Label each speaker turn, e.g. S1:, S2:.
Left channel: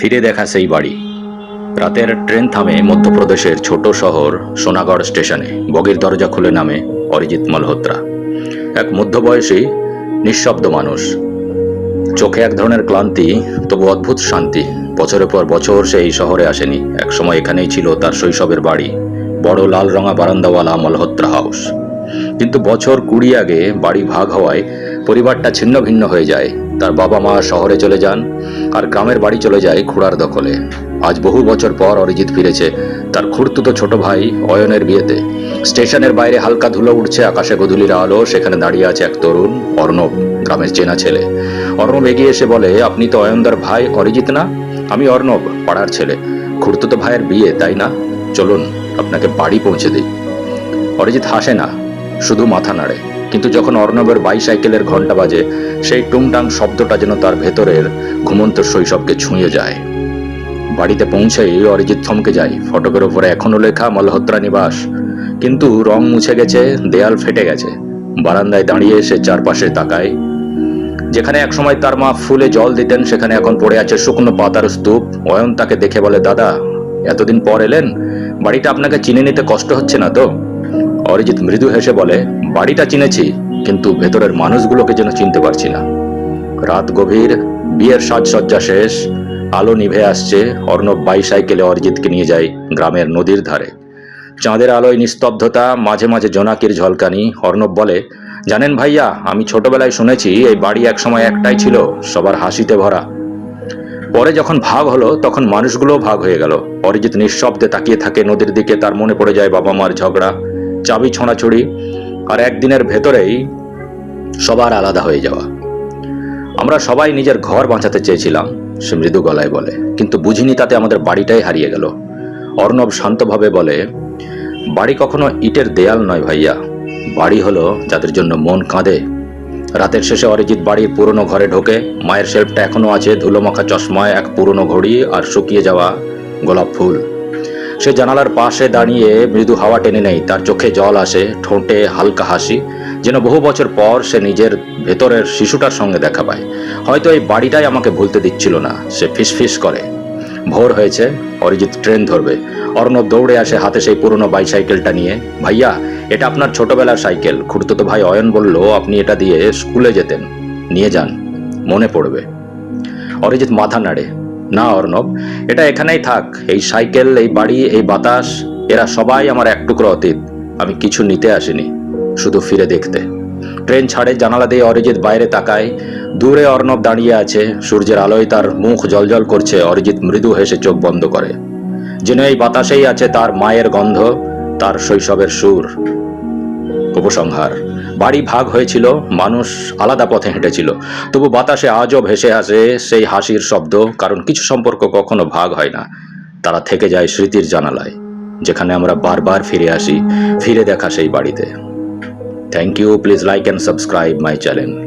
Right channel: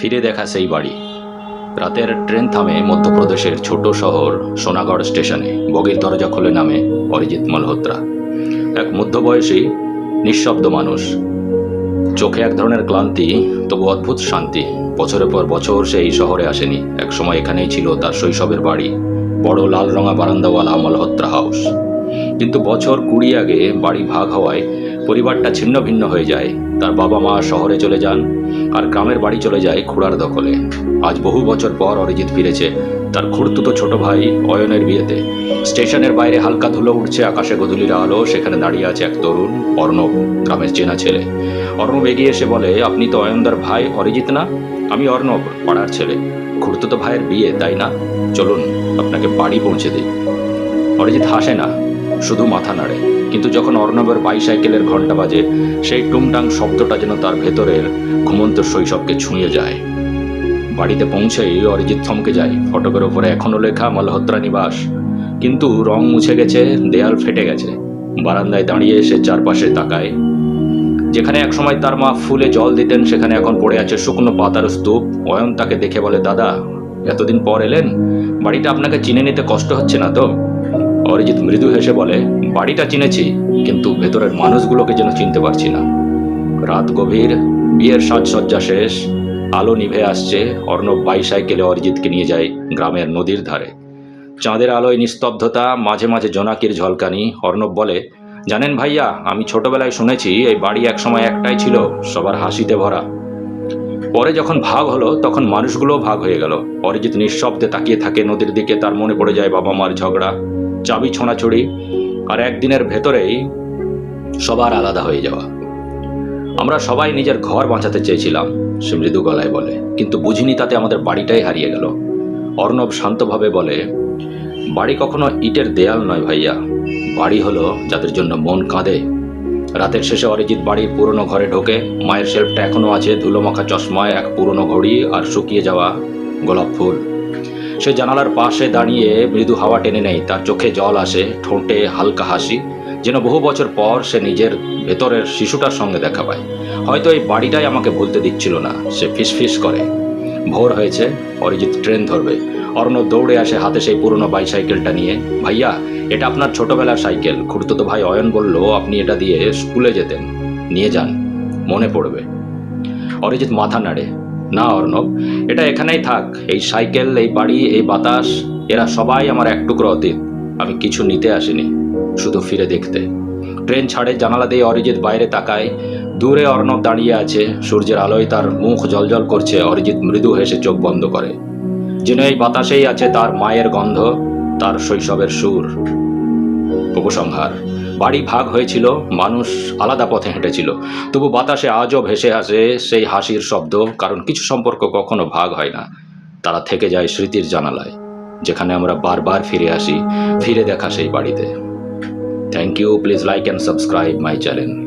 S1: ফিরে দেখা সেই বাড়ি। রাতের ট্রেন থামে মধ্যপ্রদেশের ছোট শহর সোনাগড় স্টেশনে। বগির দরজা খুলে নামে অরিজিৎ মালহোত্রা। এক মধ্যবয়সী, নিঃশব্দ মানুষ। চোখে এক ধরনের ক্লান্তি, তবু অদ্ভুত শান্তি। বছরের পর বছর সে এই শহরে আসেনি। একসময় এখানেই ছিল তার শৈশবের বাড়ি, বড় লাল রঙা বারান্দাওয়ালা মালহোত্রা হাউস। কিন্তু বছর কুড়ি আগে বাড়ি ভাগ হওয়ায় পরিবারটা ছিন্ন ভিন্ন হয়ে যায়। তার বাবা মা শহরে চলে যান আর গ্রামের বাড়ি চলে যায় খুড়ার দখলে। আজ বহু বছর পর অরিজিৎ ফিরেছে তার খুড়তুতো ছোট ভাই অয়নের বিয়েতে। স্টেশনের বাইরে হালকা ধুলো উঠছে আকাশে গধূলির আলো, সেখানে দাঁড়িয়ে আছে এক তরুণ, অর্ণব, গ্রামের চেনা ছেলে। অর্ণব এগিয়ে এসে বলে, আপনি তো অয়নদার ভাই, অরিজিৎ না? আমি অর্ণব, পাড়ার ছেলে। খুড়তুতো ভাইয়ের বিয়ে, তাই না? চলুন, আপনাকে বাড়ি পৌঁছে দিই। অরিজিৎ হাসে না, শুধু মাথা নাড়ে। কিন্তু যখন অর্ণবের বাইসাইকেলের ঘণ্টা বাজে, সেই টুংটাং শব্দটা যেন তার ভেতরের ঘুমন্ত শৈশবকে ছুঁয়ে যায়। বাড়িতে পৌঁছেই অরিজিৎ থমকে যায়। ফটকের ওপরে এখনও লেখা, মলহোত্রা নিবাস। কিন্তু রং মুছে গেছে, দেয়াল ফেটে গেছে। বারান্দায় দাঁড়িয়ে সে চারপাশে তাকায়। যেখানে একসময় তার মা ফুলে জল দিতেন, সেখানে এখন পড়ে আছে শুকনো পাতার স্তূপ। অয়ন তাকে দেখে বলে, দাদা, এতদিন পর এলেন? বাড়িটা আপনাকে চিনে নিতে কষ্ট হচ্ছে না তো? অরিজিৎ মৃদু হেসে বলে, বাড়িটা চিনেছি, কিন্তু ভেতরের মানুষগুলোকে যেন চিনতে পারছি না। রাত গভীর, বিয়ের সাজসজ্জা শেষ, আলো নিভে আসছে, অর্ণব বাইসাইকেলে অরিজিৎকে নিয়ে যায় গ্রামের নদীর ধারে। চাঁদের আলোয় নিস্তব্ধতা, মাঝে মাঝে জোনাকির ঝলকানি, অর্ণব বলে, জানেন ভাইয়া, আমি ছোটবেলায় শুনেছি, এই বাড়ি একসময় একটাই ছিল, সবার হাসিতে ভরা। পরে যখন ভাগ হলো, তখন মানুষগুলো ভাগ হয়ে গেল। অরিজিৎ নিঃশব্দে তাকিয়ে থাকে নদীর দিকে, তার মনে পড়ে যায় বাবা মার ঝগড়া। চাবি ছোঁড়াছড়ি আর একদিনের ভেতরেই সবার আলাদা হয়ে যাওয়া। আমরা সবাই নিজের ঘর বাঁচাতে চেয়েছিলাম, সে মৃদু গলায় বলে। কিন্তু বুঝিনি তাতে আমাদের বাড়িটাই হারিয়ে গেল। অর্ণব শান্তভাবে বলে, বাড়ি কখনো ইটের দেয়াল নয় ভাইয়া। বাড়ি হলো যাদের জন্য মন কাঁদে। রাতের শেষে অরিজিৎ বাড়ির পুরনো ঘরে ঢোকে, মায়ের শেল্ফটা এখনও আছে ধুলোমাখা চশমায় এক পুরনো ঘড়ি আর শুকিয়ে যাওয়া গোলাপ ফুল। সে জানালার পাশে দাঁড়িয়ে মৃদু হাওয়া টেনে নেয়। তার চোখে জল আসে, ঠোঁটে হালকা হাসি, যেন বহু বছর পর সে নিজের ভেতরের শিশুটার সঙ্গে দেখা পায়। হয়তো এই বাড়িটাই আমাকে ভুলতে দিচ্ছিল না, সে ফিসফিস করে। ভোর হয়েছে, অরিজিৎ ট্রেন ধরবে। অর্ণব দৌড়ে আসে হাতে সেই পুরনো বাইসাইকেলটা নিয়ে। ভাইয়া, এটা আপনার ছোটবেলার সাইকেল। খুঁড়তো তো ভাই অয়ন বলল, আপনি এটা দিয়ে স্কুলে যেতেন। নিয়ে যান, মনে পড়বে। অরিজিৎ মাথা নাড়ে। না অর্ণব, এটা এখানেই থাক। এই সাইকেল, এই বাড়ি, এই বাতাস, এরা সবাই আমার এক টুকরো অতীত। আমি কিছু নিতে আসিনি, শুধু ফিরে দেখতে। ট্রেন ছাড়ে জানালা দিয়ে অরিজিৎ বাইরে তাকায়। দূরে অর্ণব দাঁড়িয়ে আছে, সূর্যের আলোয় তার মুখ জলজল করছে, অরিজিৎ মৃদু হেসে চোখ বন্ধ করে। যেন এই বাতাসেই আছে তার মায়ের গন্ধ, তার শৈশবের সুর। উপসংহার। বাড়ি ভাগ হয়েছিল, মানুষ আলাদা পথে হেঁটেছিল। তবু বাতাসে আজও ভেসে আসে সেই হাসির শব্দ, কারণ কিছু সম্পর্ক কখনো ভাগ হয় না। তারা থেকে যায় স্মৃতির জানালায়, যেখানে আমরা বারবার ফিরে আসি, ফিরে দেখা সেই বাড়িতে। Thank you please like and subscribe my channel